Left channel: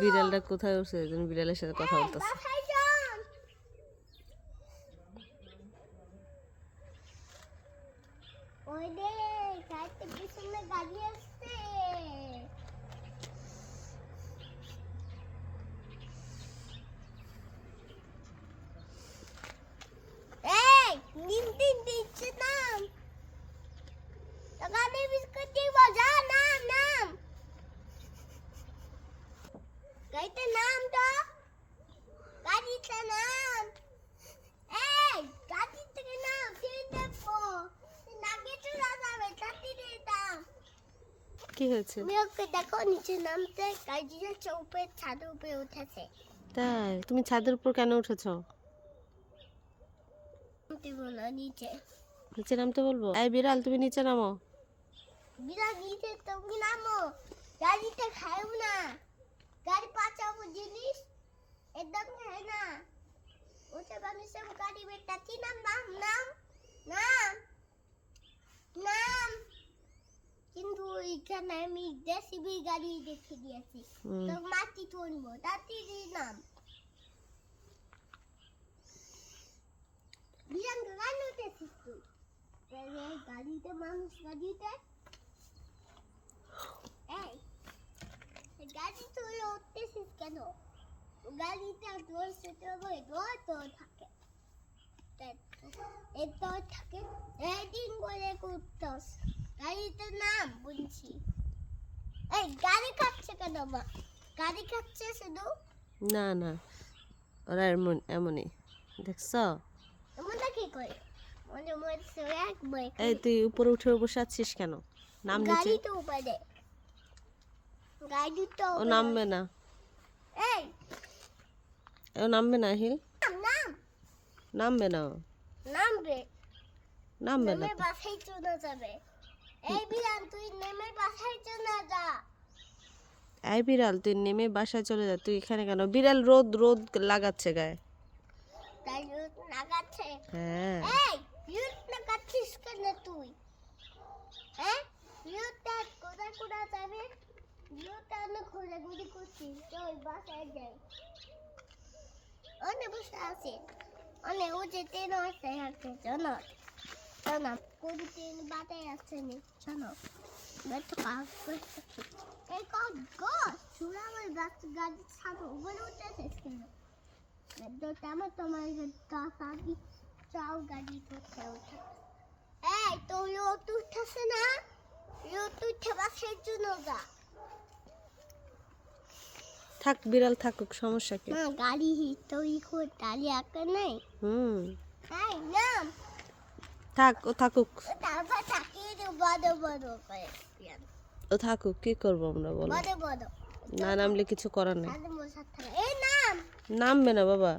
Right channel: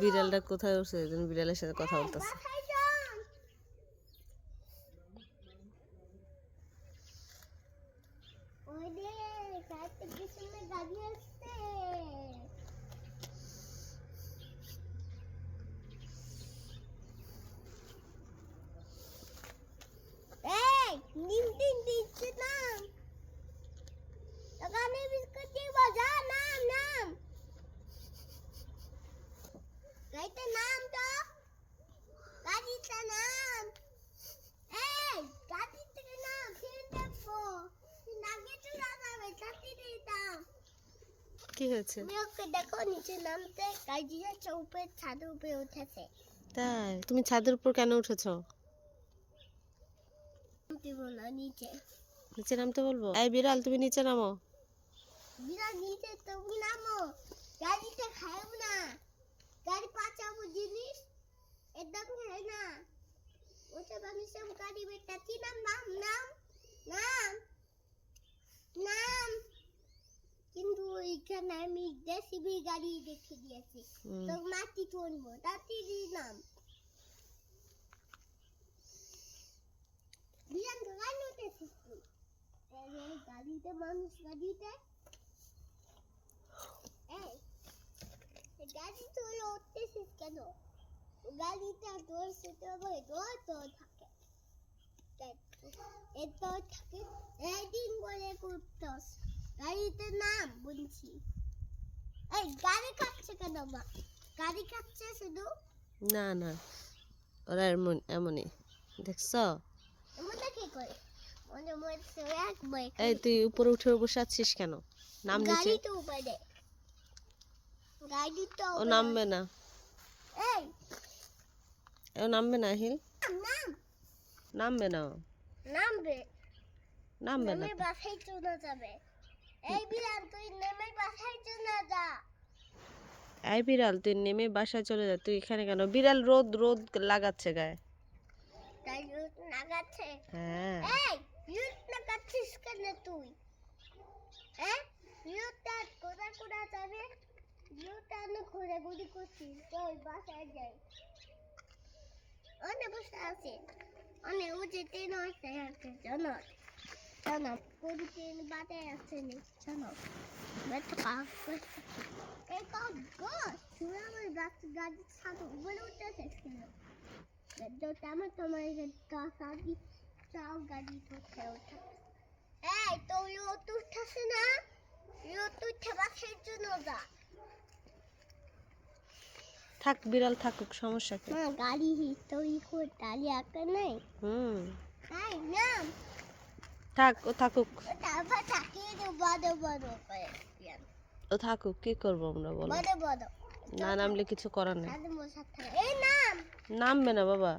বিড়ালটা কোথায় উঠছে? এই জন্য বিড়ালের সাথে কথা বলতেছে। নিম তিন দিচ্ছে দোকানে বিস্কুট দিব যা নাম নাম গাড়িতে নাম তো গাড়িতে নাম এই গাড়ি থেকে নাম ফিরে দেখব নাগে চলে যাবে চাকরি দিতাম কি হয়েছে? মেয়েকে দেখো নিচে নামতে গাড়িটা চৌপের ছাদের উপরে উঠেছে। তাই? তুমি ছাদের উপর কেন উঠেছো? বলো নিচে। নিচে নামতে বলব? এই বিড়াল তুমি নিচে নামো। বিরাট নিচে তুমি নামো। গাড়িতে খাইও না। গাড়ি পাচাবো জিনিস? একদম খাই না। ওটা মানুষের গাড়ি বেটাচ্ছি নাম নাম নাম? নাম? নাম? কিন্তু এখানে আমি জেসিবি গাড়ি দেখে দিয়েছি। তো মাটি তুলবো তাড়াতাড়ি নাম। বিরান গাড়ি উঠেছিস তুই? গাড়িতে মানুষ গাড়িতে এই এই গাড়ি তুই উঠতেছিস কেন গাড়িটা তোর ওই দোর তোর থাকে। এই থাকে একদিন করে করতস গাড়িতে নাম বলছি এই গাড়ি খাচ্ছে কেন মা? গাড়ি খাচ্ছে শুধু? না না ওরা এমন এমনই। দেখছ? মনে কি করে? এই তুই উপরে উঠে বসে আছিস কেন? নাম নিচে। তো তো ও নামবে না। এই নামবে না হিল? নাম নাম। নামবে না। নামবে। নামবে না বাসায় চলে যাবে। এই বিড়াল তুই নেমে বাসায় চলে যা। এই বিড়াল তুই নেমে বাসায় চলে যা। তুই এখানে কেন? বিড়াল রোদ রোদ লাগাচ্ছে গায়ে। তাই রোদ লাগাচ্ছে? হ্যাঁ। এই রোদ লাগাচ্ছিস কেন তুই? হ্যাঁ? রোদটা কোথায় কোথায় যাবে? রোদটা আমি ঘোরাঘুরি করছি চল বাসায় যাই। অনেক বসে আছে অনেক ও যে ট্রেন আসতে আছে জানো জানো কোন ট্রেন বাটে আসছে নি জানো বেটা কাগজ এই কাগজ শুনে আমার গাছ গাড়ি ছাদে উপরে উঠেছে কেন বেটা আমার তোমার গাড়ি চাও গাড়ি করতে ওঠে এই তো রোদ উঠতেছে না রোদ উঠে বাসের জন্য যা থাক বিড়াল থাকুক সমস্যা কি? গাড়ি তৈরি করে গাড়ি আঁকা নাই? হুম। থাক ও থাকুক। ও থাকুক কি করব আমরা বলো? না নামলে কিছু করার নেই। নামবে না বাবা।